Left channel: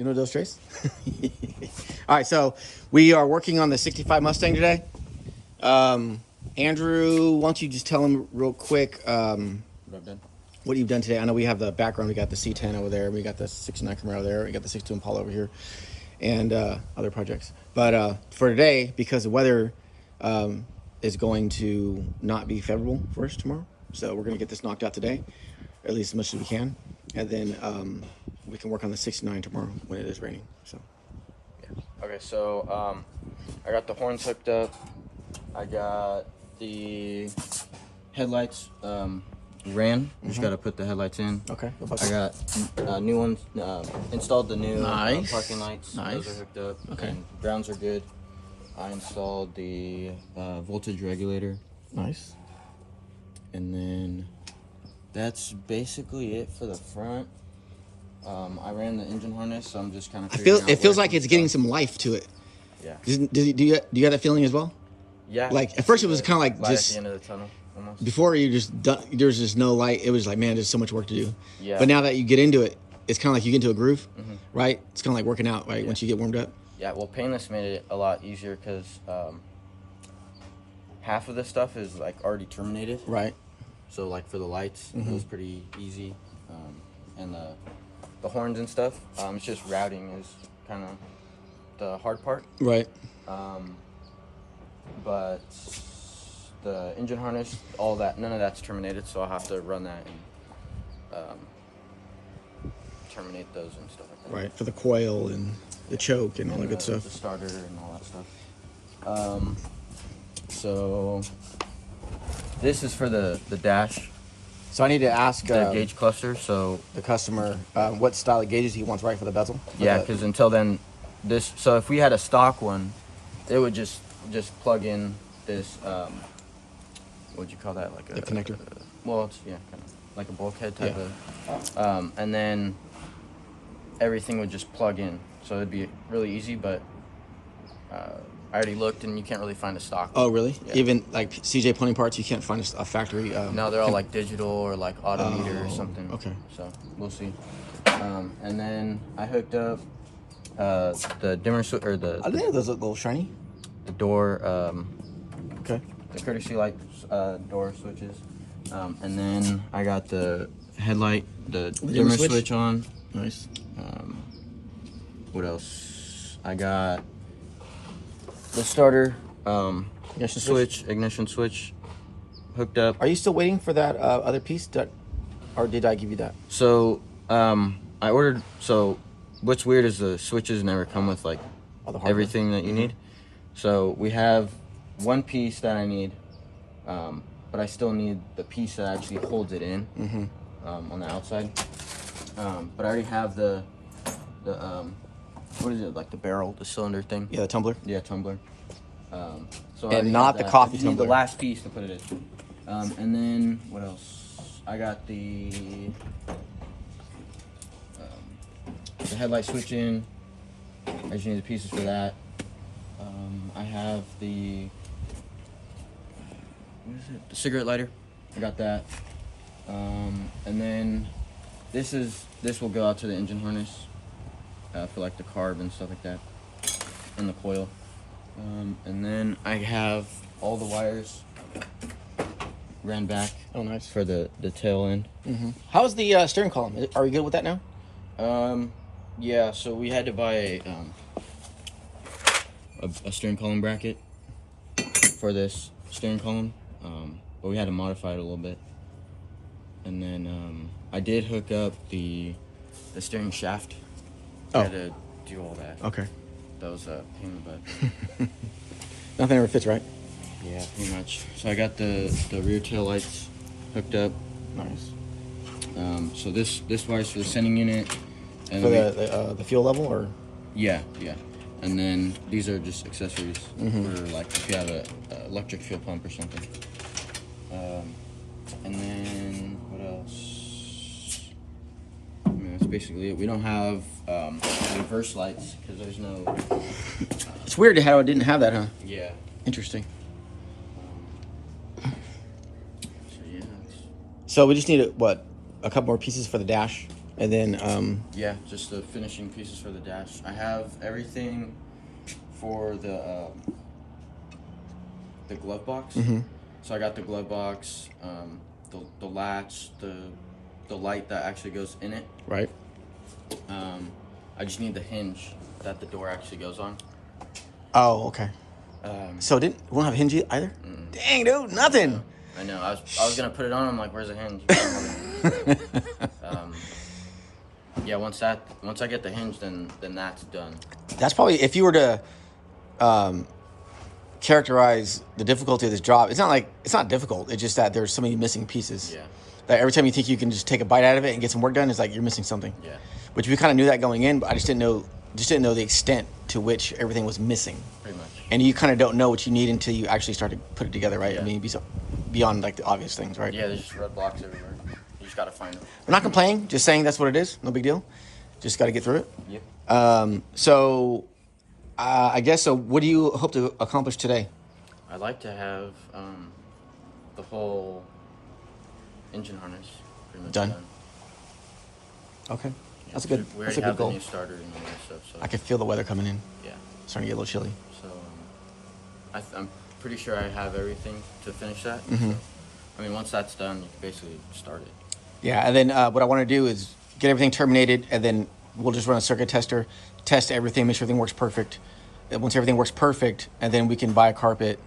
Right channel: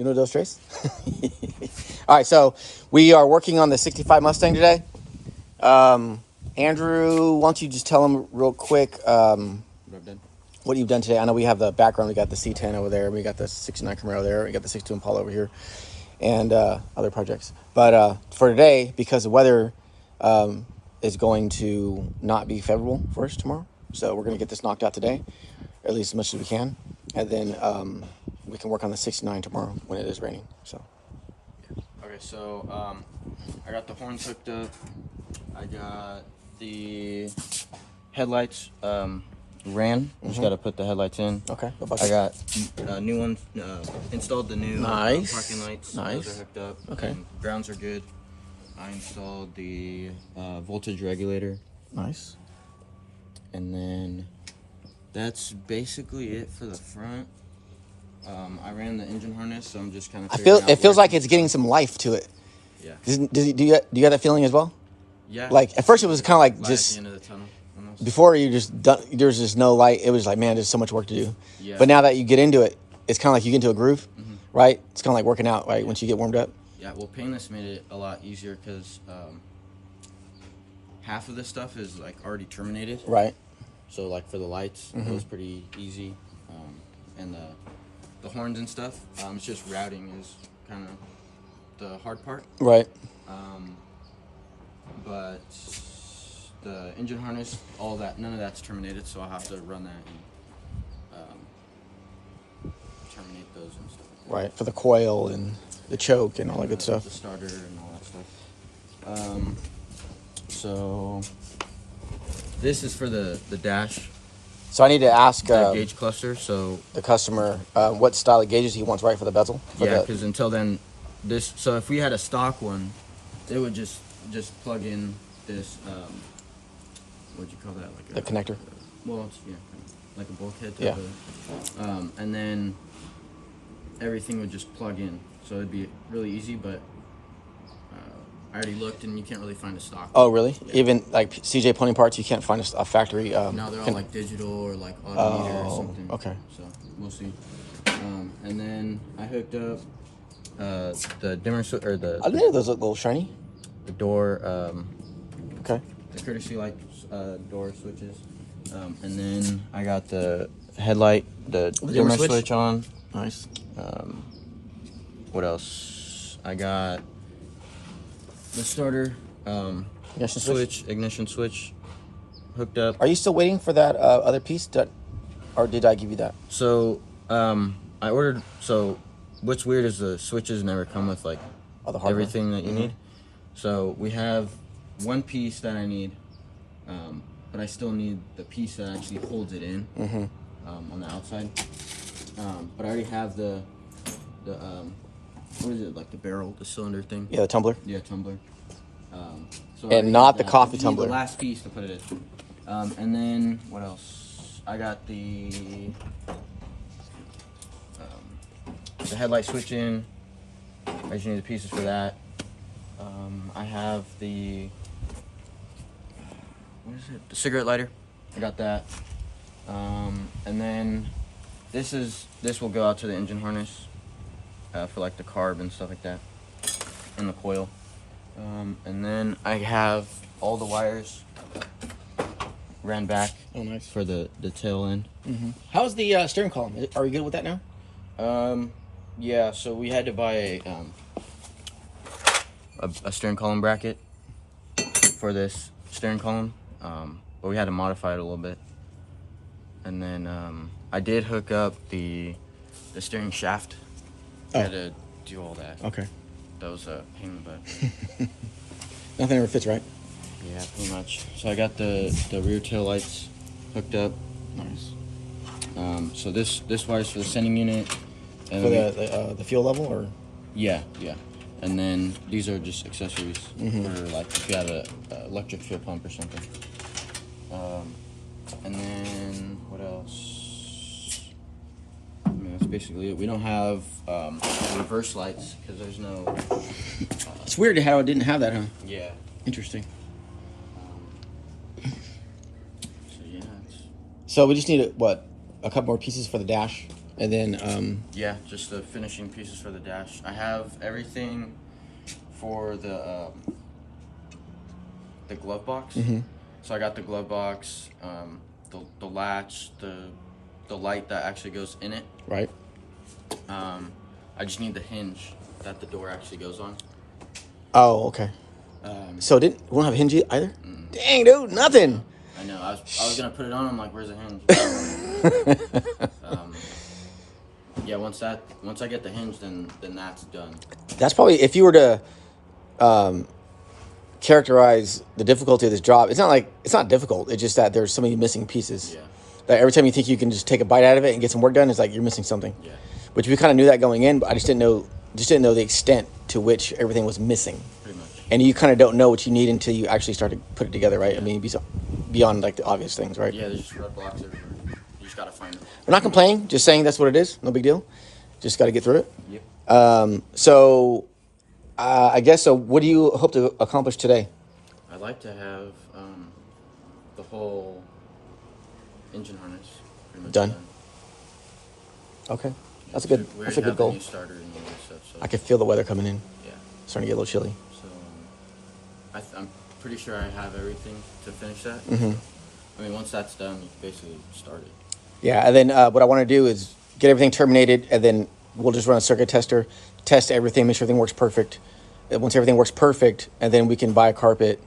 Uno, dos, tres. All right, so we are working on the 65 Mustang today. Andrew, why don't you just tell him real quick what you've done today? I know we have the background. We got the C10 over there. We got the 69 Camaro there. We got the 62 Impala over here, and other projects. But for today, because the weather is going to not be favorable for us tomorrow, so we're going to get this knocked out today, at least as much as we can, and then we can work on the 69 tomorrow when it is raining. So. Okay, so I got the horns hooked up. I got the headlights ran. Just got to put the headlights in. Okay. I got new ones. Installed the new parking lights. Nice. Those are hooked up. Okay. And grounds are good. I installed the voltage regulator. Nice. And then that's basically it for the front. I ran the engine harness, so I'm just kind of. It feels like it's getting some life to it. Yeah. Do you have that feeling as well? Yeah. Like at first it was kind of like light just at the end of the tunnel. Almost. Before you there's just no light. It was like, man, there's so much work to do. Yeah. But now that you get into it, it's kind of like you get into a groove, right? It's kind of like working out, right? Yeah. Once you get warmed up. Yeah. Well, painless made it a lot easier because half of the stuff is like already terminated. Right. So like for the lights, it was pretty easy, and the horns and stuff. It's just routing is kind of the hard part. Right. But the engine harness, all that, none of that's terminated, so I'll have to run that and terminate those and stuff like that. Right. For the coil and the choke and all that good stuff. The starter and all that stuff. So this is for the dash. So I need to ask The gauge cluster. So the customer what style of gauges he wants, right, for the bezel. Yeah, because until then, so if we had a stock one, it would just plug in this. What'd you call that? Like the connector. Well, it's kind of like a bulkhead type of. And then everything would just plug in, so it'd be really easy. But I already looked, and you can't really find a stock. Oh, really? Yeah. Even like CJ Plumbing parts, you can't find a factory. No, they're all like digital or like autometer or something. Okay. So we'll see. And then I hooked up the dimmer switch or I think those look a little shiny. the door. Okay. The courtesy light door switches. And then I got the headlight, the dimmer switch on. Nice. What else? I got the starter ignition switch hooked up. Are you still waiting for that other piece, or did I give you that? So I ordered. So what's weird is the switches never come with like everything that you need. So we have one piece that I need, but I still need the piece that actually holds it in on the outside. But I already have the what is it, like the barrel, the cylinder thing? Yeah, the tumbler. Yeah, tumbler. So And not the coffee tumbler. The last piece to put it in. And then what else? I got the headlight switch in. I just need the pieces for that. I have the what is it? The cigarette lighter. I got that. And then this will go out to the engine harness for like the carb and stuff like that, and the coil. And then I have all the wires ran back. Oh, nice. For the tail end. How's the steering column? Are we good with that now? Yeah. So we had to buy a steering column bracket for this steering column, but we had to modify it a little bit. And then I did hook up the steering shaft. I had to do all that. Okay. That was a pain in the butt. Nothing ever fits right. Yeah, pretty much. So I got the rear tail lights hooked up. Nice. So this wire's for the sending unit. And For the fuel level, or? Yeah. And then these are just accessories for like if you have a electric fuel pump or something. And then what else? I mean, that's basically it. We don't have reverse lights because there's no. It's weird how it didn't have that, huh? Yeah. Interesting. So yeah. So we just need a couple more pieces for the dash, And then yeah, just the finishing pieces for the dash. I have everything for the glove box. Mm-hmm. So I got the glove box, the latch, the light that actually goes in it. Right. I just need the hinge that the door actually goes on. Oh, okay. So we don't have a hinge either? Dang, dude, nothing. I know. I was gonna put it on. I'm like, where's the hinge? Yeah, once I get the hinge, then that's done. That's probably, if you were to characterize the difficulty of this job, it's not difficult. It's just that there's so many missing pieces. Yeah. That every time you think you can just take a bite out of it and get some work done, it's like you're missing something. Yeah. Which we kind of knew that going in, but I just didn't know the extent to which everything was missing. Pretty much. And you kind of don't know what you need until you actually start to put it together, right? Yeah. I mean, beyond like the obvious things, right? Yeah, there's just red blocks everywhere. You just gotta find them. I'm not complaining, just saying that's what it is. No big deal. Just got to get through it. Yeah. So, I guess so. What do you hope to accomplish today? I'd like to have the whole engine harness pretty much done. Okay, Yeah, that's a good. We That's already a good have the goal. new starter and all that stuff. So I can feel the weather coming in. yeah, It's starting to get a little chilly. so I'm pretty sure I have everything to finish that. Mm-hmm. So, I mean, once that's done, you can basically start it. Yeah, and then what I want to do is get everything terminated, and then we'll just run a circuit tester, test everything, make sure everything works perfect. And once everything works perfect, and then we can buy a carpet,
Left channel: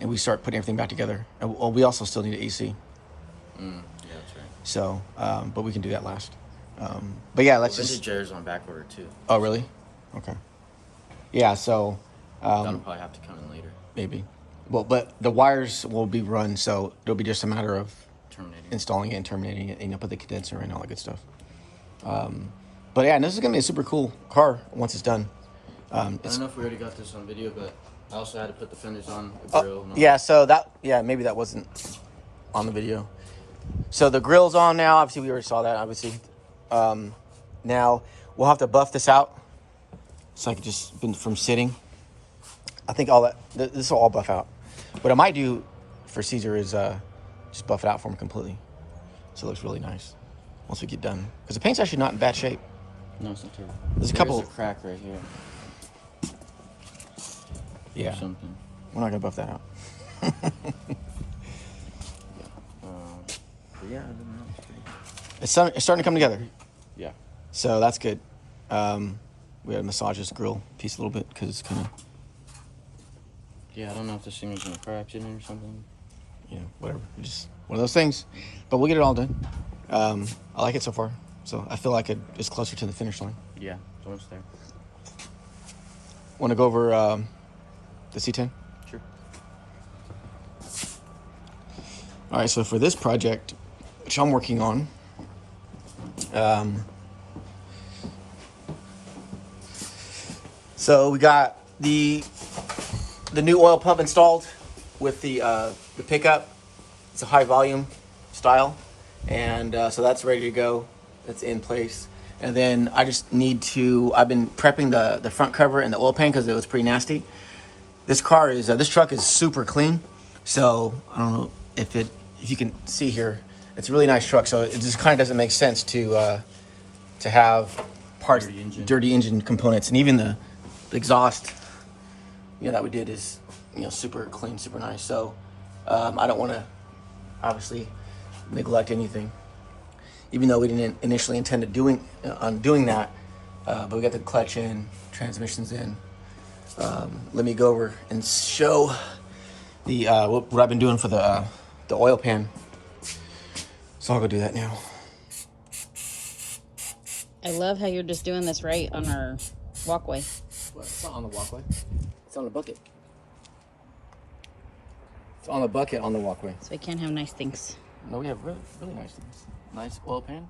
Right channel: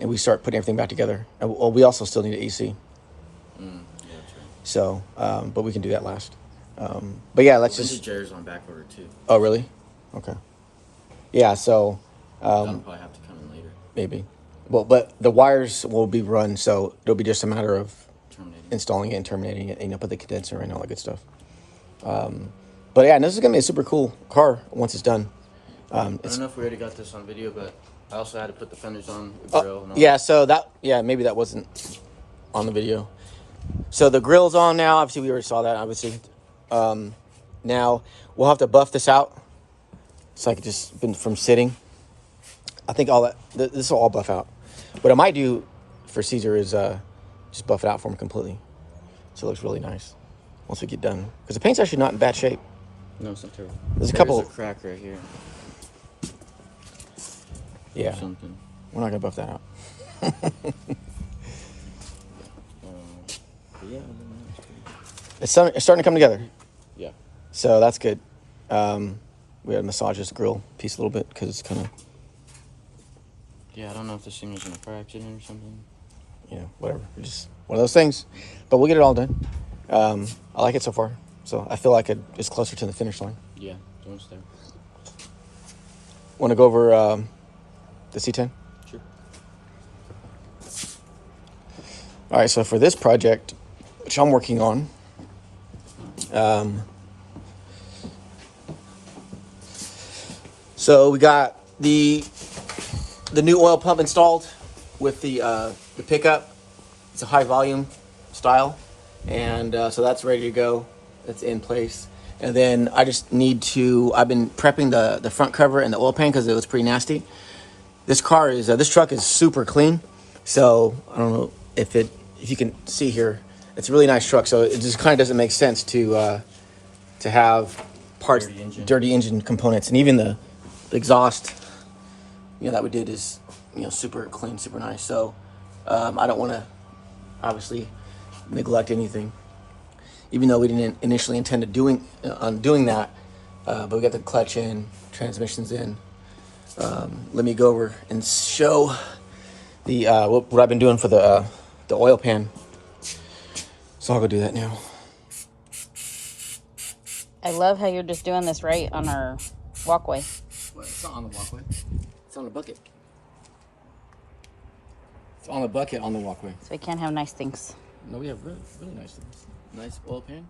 and we start putting everything back together. And we also still need an AC. Yeah, that's right. So, but we can do that last. But yeah, let's Vintage just. chairs on back order too. Oh, really? Okay. Yeah, so. That'll probably have to come in later. Maybe. Well, but the wires will be run, so it'll be just a matter of Terminating. installing it and terminating it, and put the condenser and all that good stuff. But yeah, this is gonna be a super cool car once it's done. I don't know if we already got this on video, but I also had to put the fenders on the grill. And all Yeah, that. so maybe that wasn't on the video. So the grill's on now. Obviously, we already saw that. Obviously, now we'll have to buff this out. So I could just been from sitting. I think all that this will all buff out. What I might do for Caesar is just buff it out for him completely, so it looks really nice once we get done. Because the paint's actually not in bad shape. No, it's not terrible. There's a crack right here. Yeah, Or something. I'm not gonna buff that out. But yeah, no, it's pretty. It's starting to come together. Yeah. So that's good. We gotta massage this grill piece a little bit because it's kind of, Yeah, I don't know if this thing is gonna crack in or something. Whatever. Just one of those things. But we'll get it all done. I like it so far. So I feel like it's closer to the finish line. Yeah, almost there. Want to go over the C10? Sure. All right. So for this project, which I'm working on, so we got the new oil pump installed with the pickup. It's a high volume style, and so that's ready to go. It's in place, and then I just need to. I've been prepping the front cover and the oil pan because it was pretty nasty. This truck is super clean, so I don't know if you can see here. It's a really nice truck, so it just kind of doesn't make sense to have parts dirty engine components, and even the exhaust. That we did is super clean, super nice. So I don't want to obviously neglect anything, even though we didn't initially intend to doing that. But we got the clutch in, transmissions in. Let me go over and show the what I've been doing for the oil pan. So I'm gonna do that now. I love how you're just doing this right on our walkway. What? It's not on the walkway. It's on the bucket. It's on the bucket on the walkway. So we can have nice things. No, we have really, really nice things. Nice oil pan.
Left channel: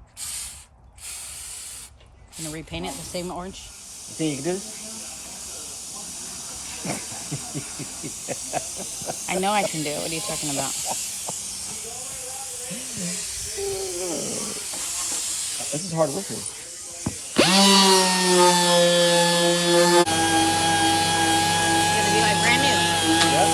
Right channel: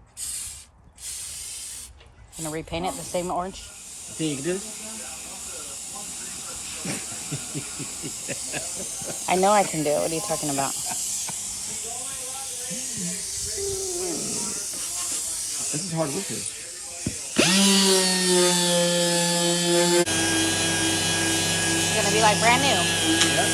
Gonna repaint it the same orange? Think you can do this? I know I can do it. What are you talking about? This is hard work here. It's gonna be like brand new. Yep.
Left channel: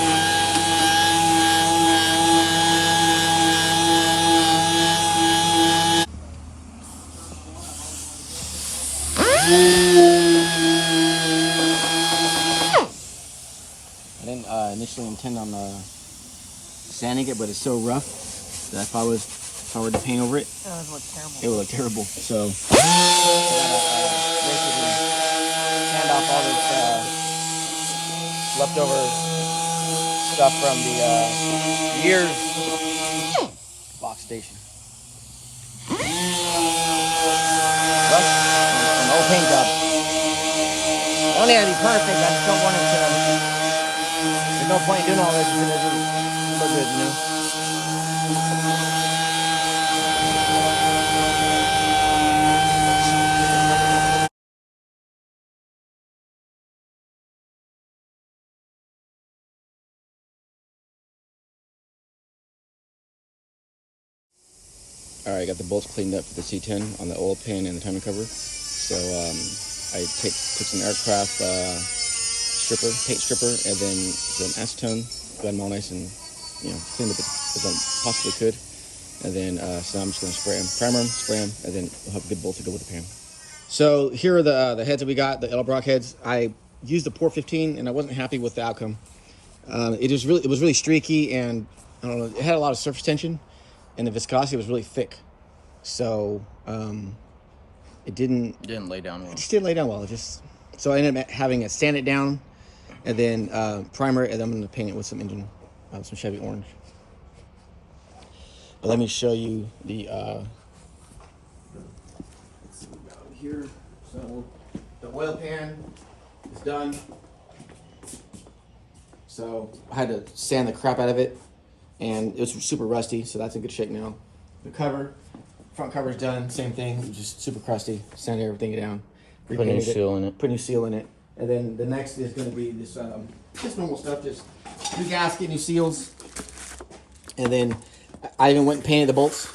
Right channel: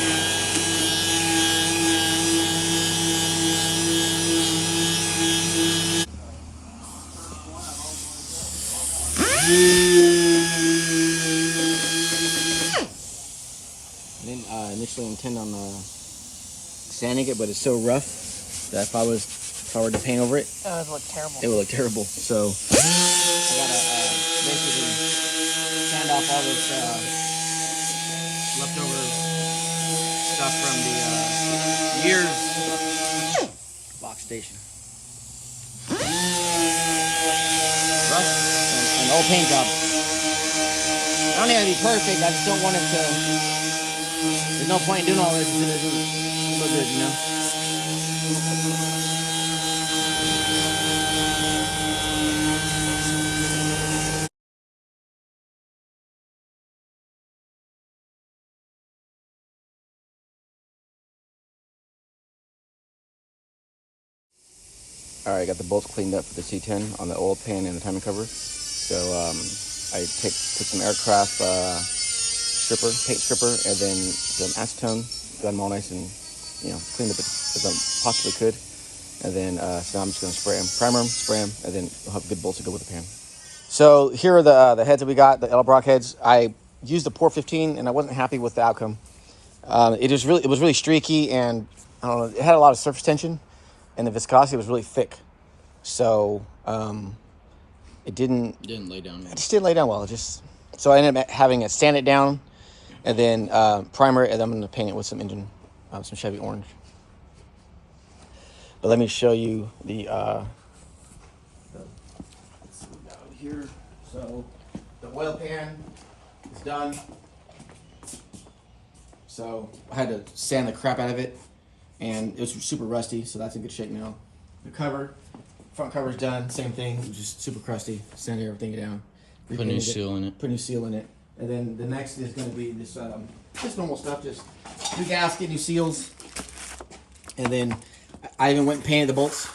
initially intend on sanding it, but it's so rough that if I were to paint over it, it would look terrible. It would look terrible. So I gotta basically sand off all this leftover stuff from the year's box station. Rust and old paint job. I don't need it to be perfect. I just don't want it to. There's no point in doing all this if it doesn't look good, you know. All right, I got the bolts cleaned up for the C10 on the oil pan and the timing cover. So I took some aircraft paint stripper, and then some acetone, got them all nice and cleaned up as I possibly could. And then so I'm just going to spray them, primer them, spray them, and then we'll have good bolts to go with the pan. So here are the heads that we got, the Edelbrock heads. I used the Pour 15, and I wasn't happy with the outcome. It was really streaky, and I don't know, it had a lot of surface tension. And the viscosity was really thick, so it didn't lay down well. It just didn't lay down well. So I ended up having to sand it down, and then primer it, and then I'm going to paint it with some Chevy orange. But let me show you the let's see what we got over here. So the oil pan is done. So I had to sand the crap out of it. And it was super rusty, so that's in good shape now. The front cover's done, same thing, it was just super crusty. Sanded everything down. Put a new seal in it. Put a new seal in it. And then the next is going to be this just normal stuff, just new gasket, new seals. And then I even went and painted the bolts,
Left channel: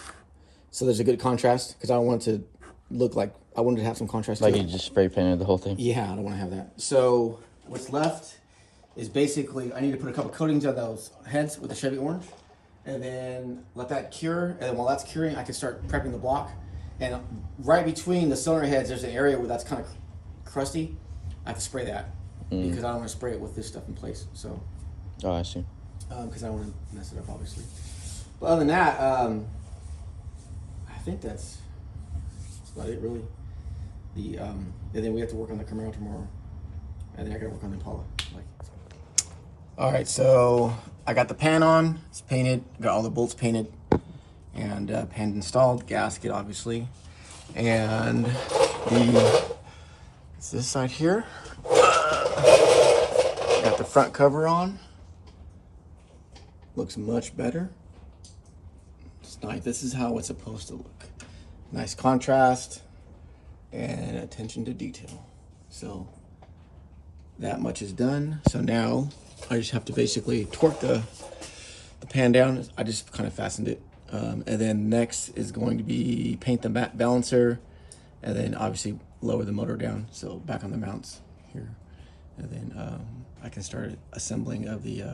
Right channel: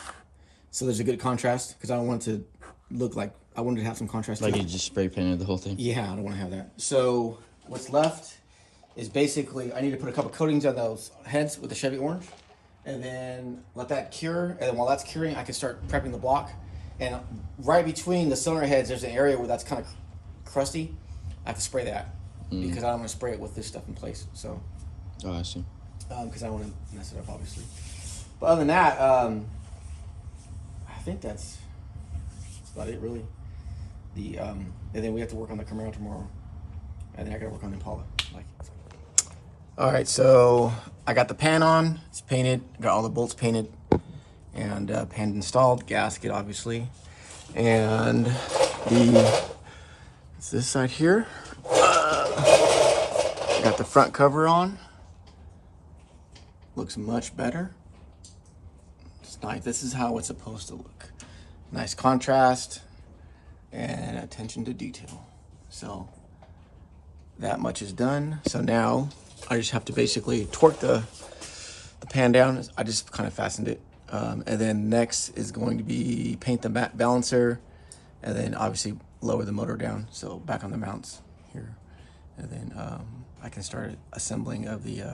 so there's a good contrast, because I don't want it to look like, I wanted to have some contrast. Like you just spray painted the whole thing? Yeah, I don't want to have that. So what's left is basically, I need to put a couple coatings on those heads with the Chevy orange, and then let that cure. And then while that's curing, I can start prepping the block. And right between the cylinder heads, there's an area where that's kind of crusty. I have to spray that because I don't want to spray it with this stuff in place. So, oh, I see. Because I don't want to mess it up, obviously. But other than that, I think that's about it, really. And then we have to work on the Camaro tomorrow, and then I got to work on the Impala. All right, so I got the pan on, it's painted, got all the bolts painted, and pan installed, gasket obviously, and it's this side here. Got the front cover on, looks much better. It's nice, this is how it's supposed to look. Nice contrast and attention to detail. So that much is done. So now I just have to basically torque the pan down. I just kind of fastened it. And then next is going to be paint the balancer, and then obviously lower the motor down. So back on the mounts here. And then I can start assembling of the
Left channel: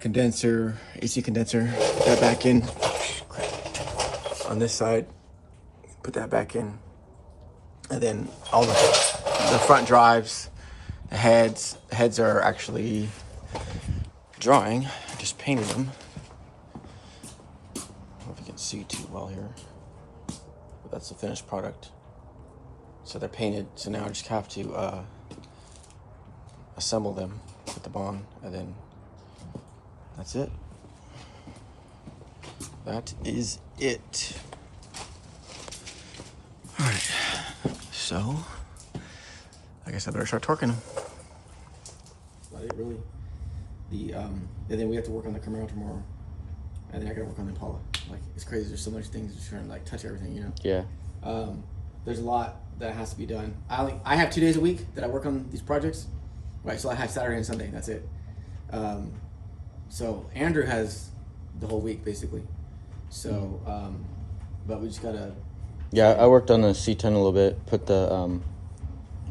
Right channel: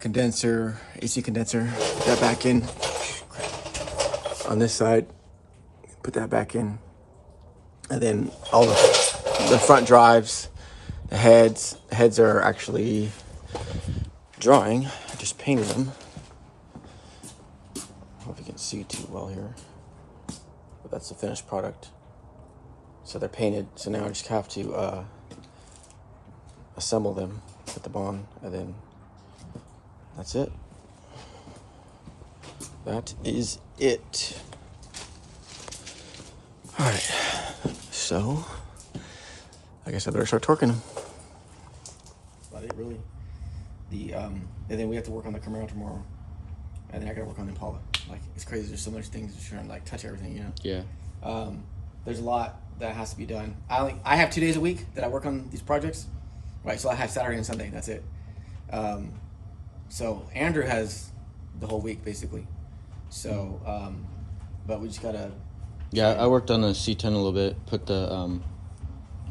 condenser, AC condenser, put that back in. On this side, put that back in. And then all the front drives, the heads are actually drying. I just painted them. I don't know if you can see too well here, but that's the finished product. So they're painted. So now I just have to assemble them, put them on, and then that's it. That is it. All right. So I guess I better start torquing. That's about it, really. And then we have to work on the Camaro tomorrow, and then I gotta work on the Impala. Like, it's crazy. There's so much things just trying to like touch everything, you know. Yeah. There's a lot that has to be done. I have 2 days a week that I work on these projects, right? So I have Saturday and Sunday. That's it. So Andrew has the whole week basically. So, but we just gotta. Yeah, I worked on the C10 a little bit. Put the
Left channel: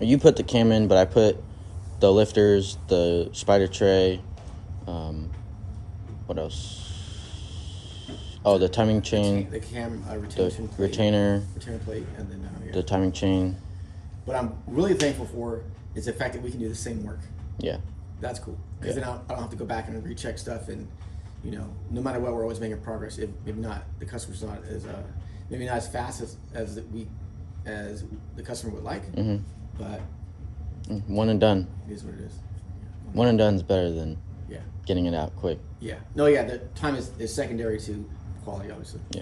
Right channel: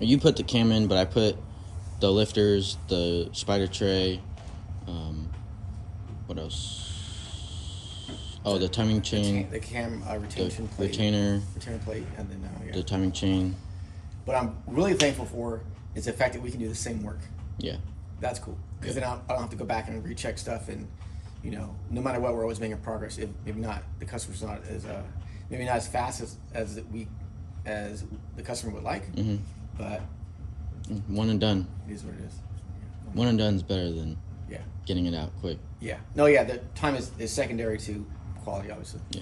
you put the cam in, but I put the lifters, the spider tray. What else? Oh, the timing chain. The cam retention plate. Retainer plate, and then yeah. The timing chain. What I'm really thankful for is the fact that we can do the same work. Yeah. That's cool. Because then I don't have to go back and recheck stuff, and you know, no matter what, we're always making progress. If maybe not, the customer's not as maybe not as fast as the customer would like, but one and done. It is what it is. One and done is better than Yeah. getting it out quick. Yeah. No, yeah, the time is secondary to quality, obviously. Yeah.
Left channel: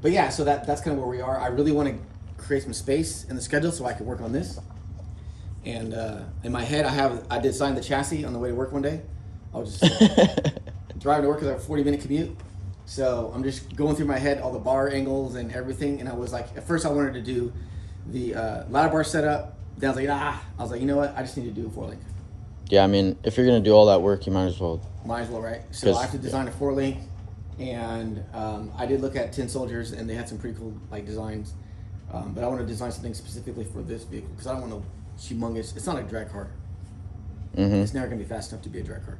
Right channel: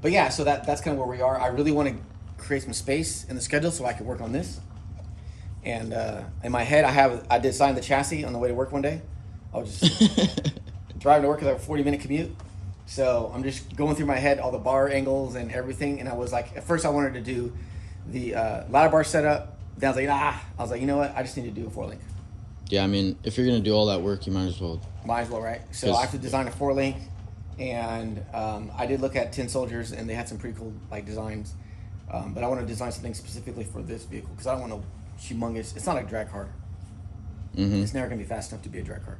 But yeah, so that's kind of where we are. I really want to create some space in the schedule so I can work on this. And in my head, I designed the chassis on the way to work one day. I was just driving to work with a 40-minute commute. So I'm just going through my head all the bar angles and everything. And I was like, at first I wanted to do the ladder bar setup. Then I was like, nah. I was like, you know what? I just need to do a 4-link. Yeah, I mean, if you're gonna do all that work, you might as well. Might as well, right? So I have to design a 4-link, and I did look at 10 Soldiers, and they had some pretty cool like designs. But I want to design something specifically for this vehicle because I don't want a humongous. It's not a drag car. It's never gonna be fast enough to be a drag car.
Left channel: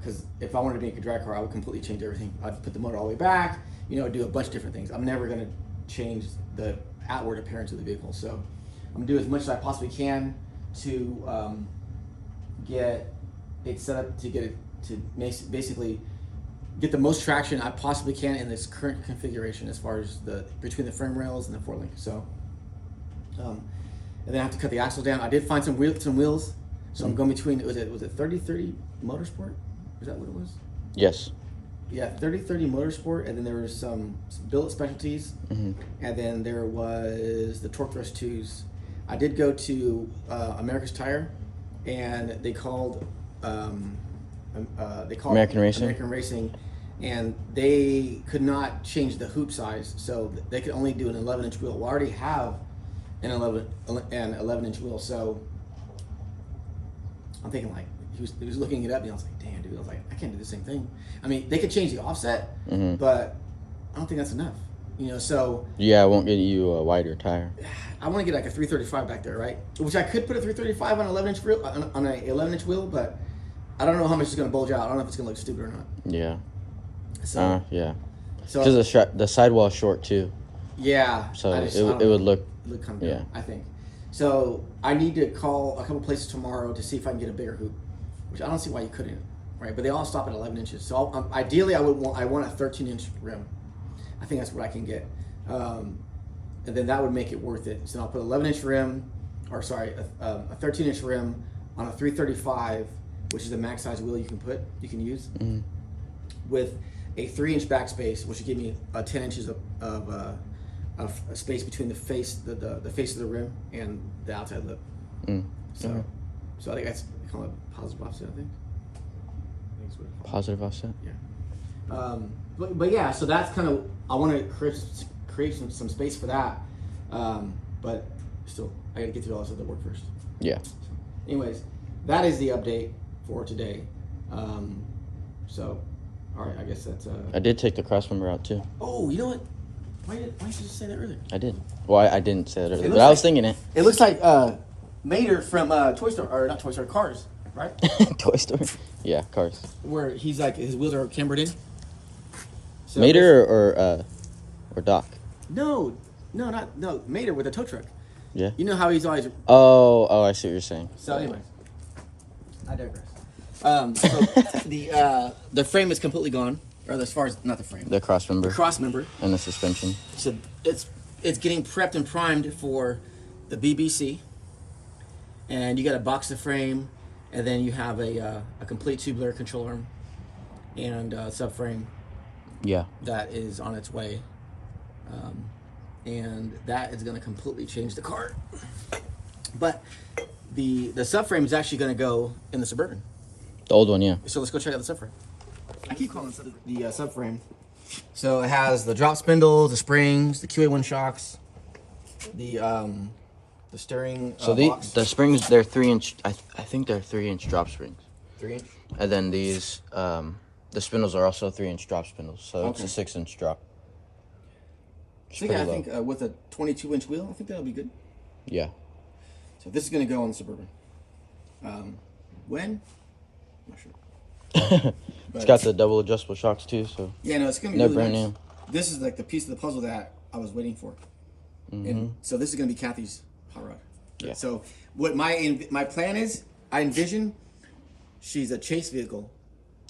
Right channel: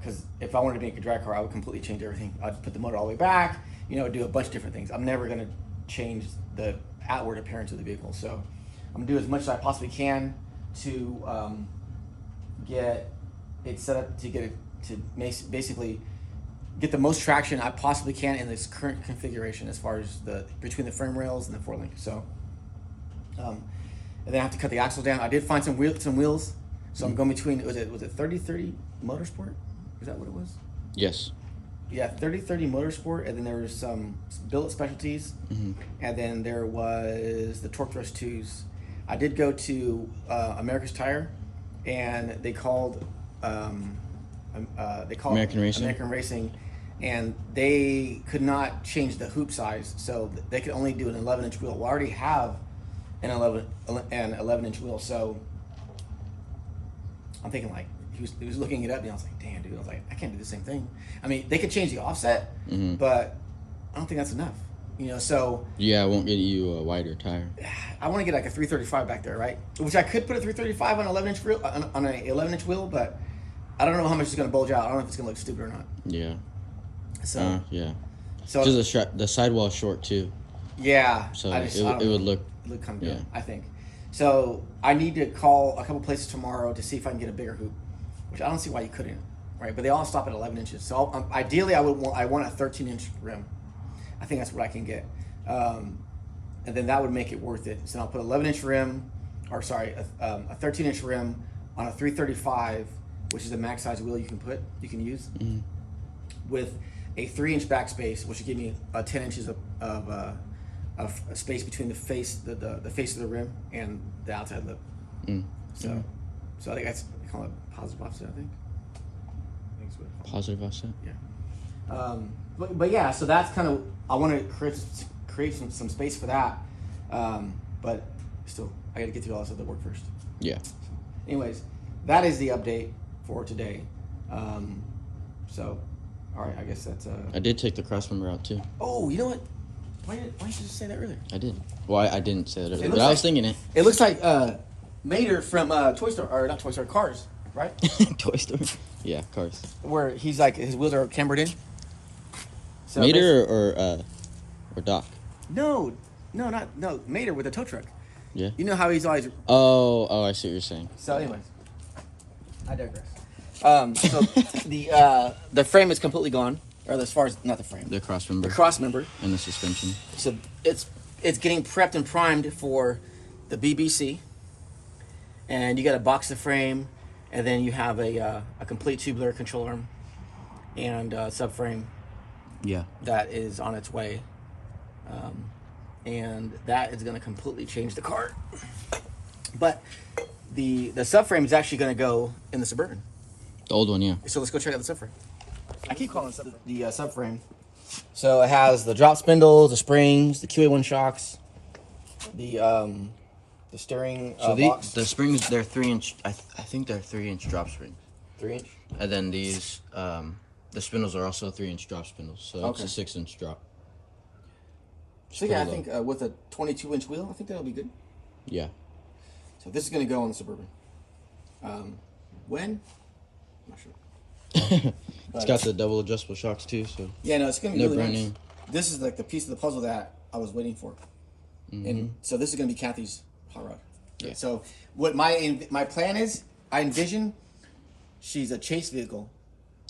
Because if I wanted to make a drag car, I would completely change everything. I'd put the motor all the way back, you know, do a bunch of different things. I'm never gonna change the outward appearance of the vehicle. So I'm gonna do as much as I possibly can to get it set up to get it to basically get the most traction I possibly can in this current configuration as far as between the frame rails and the 4-link. So and then I have to cut the axle down. I did find some wheels. So I'm going between, was it 3030 Motorsport? Is that what it was? Yes. Yeah, 3030 Motorsport, and then there was some billet specialties, and then there was the Torque Thrust 2s. I did go to America's Tire, and they called American Racing, and they could not change the hoop size, so they could only do an 11-inch wheel. We already have an 11-inch wheel, so I'm thinking like he was looking it up, and I was like, damn, dude. I was like, I can't do the same thing. I mean, they could change the offset, but I don't think that's enough. You know, so yeah, I won't get you a wider tire. I want to get like a 335 back there, right? Which I could put a 335 on an 11-inch wheel, on an 11-inch wheel, but I don't know how much it's going to bulge out. I don't know if it's going to look stupid or not. Yeah. So yeah. So because the sidewall's short too. Yeah. So it would look kind of good, I think. So I need to call a couple places tomorrow to see if I can get a bigger hoop, which I don't see why you couldn't, right? But they all stop at 11 inches. So ideally, I want a 13-inch rim. I think that's what I can get, and then that would make it worth it. So I'll put 11-inch rim, a 13-inch rim on a 335, which is the max size wheel you can use, with a 3-inch backspace, which would give me 10 inches of space between the face, the face of the rim and the outside lip. So I think that's called a positive offset. I think it's what it's called. Positive offset. Yeah. But yeah, so that's kind of, I want to create some space for that. But still, I got to get through all this other work first. Yeah. So, anyways, that is the update for today. So, all right, I guess that's. I did take the cross member out too. Oh, you know what? Why didn't you just say that earlier? I did. Well, I didn't say that earlier, but I was thinking it. It looks like Mater from Toy Story, or not Toy Story, Cars, right? Toy Story. Yeah, Cars. Where he's like, his wheels are cambered in. So Mater or Doc? No, Mater with a tow truck. Yeah. You know how he's always. Oh, I see what you're saying. So, anyways, I digress. So the frame is completely gone, or as far as not the frame, The cross member. the cross member. And the suspension. So it's getting prepped and primed for the BBC, and you got to box the frame, and then you have a complete tubular control arm and subframe. Yeah. That is on its way, and that is going to completely change the car. But the subframe is actually going to go in the Suburban. The old one, yeah. So let's go check out the subframe. I keep calling it the subframe. So it has the drop spindles, the springs, the QA1 shocks, the steering box. the springs, they're 3-inch. I think they're 3-inch drop springs. 3-inch. And then these, the spindles are also 3-inch drop spindles. So it's a 6-inch drop. So yeah, I think with a 22-inch wheel, I think that'll be good. Yeah. So this is going to go on the Suburban. When? I'm not sure. It's got the double adjustable shocks too, so. Yeah, no, it's going to be No really brand nice. new. This is like the piece of the puzzle that I was waiting for. And so this is going to be Kathy's hot rod. Yeah. So what my plan is, I envision she's a chase vehicle.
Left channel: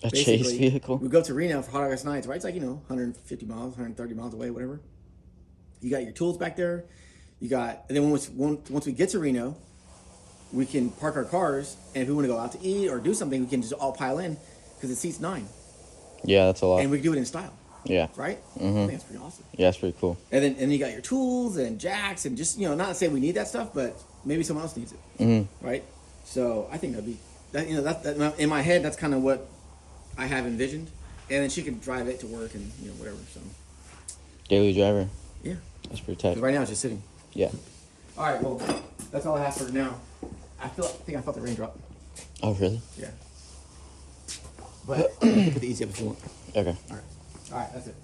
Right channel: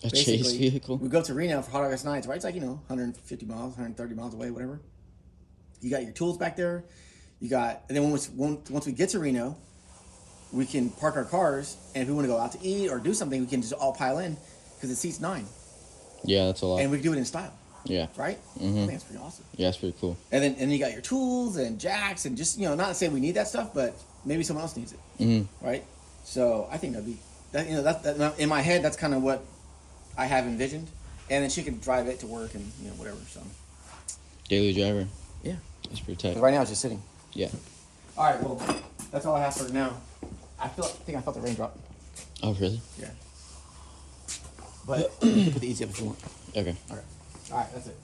A chase vehicle? We go to Reno for Hot August nights, right? It's like, 150 miles, 130 miles away, whatever. You got your tools back there. And then once we get to Reno, we can park our cars, and if we want to go out to eat or do something, we can just all pile in because it seats 9. Yeah, that's a lot. And we can do it in style. Yeah. Right? Mm-hmm. I think it's pretty awesome. Yeah, it's pretty cool. And then you got your tools and jacks and just, not to say we need that stuff, but maybe someone else needs it. Mm-hmm. Right? So I think that'd be, that in my head, that's kind of what I have envisioned. And then she can drive it to work and, whatever. So Daily driver. Yeah. That's pretty tight. Right now it's just sitting. Yeah. All right, well, that's all I have for now. I think I felt the raindrop. Oh, really? Yeah. But you can put the easy up if you want. Okay. All right, that's it.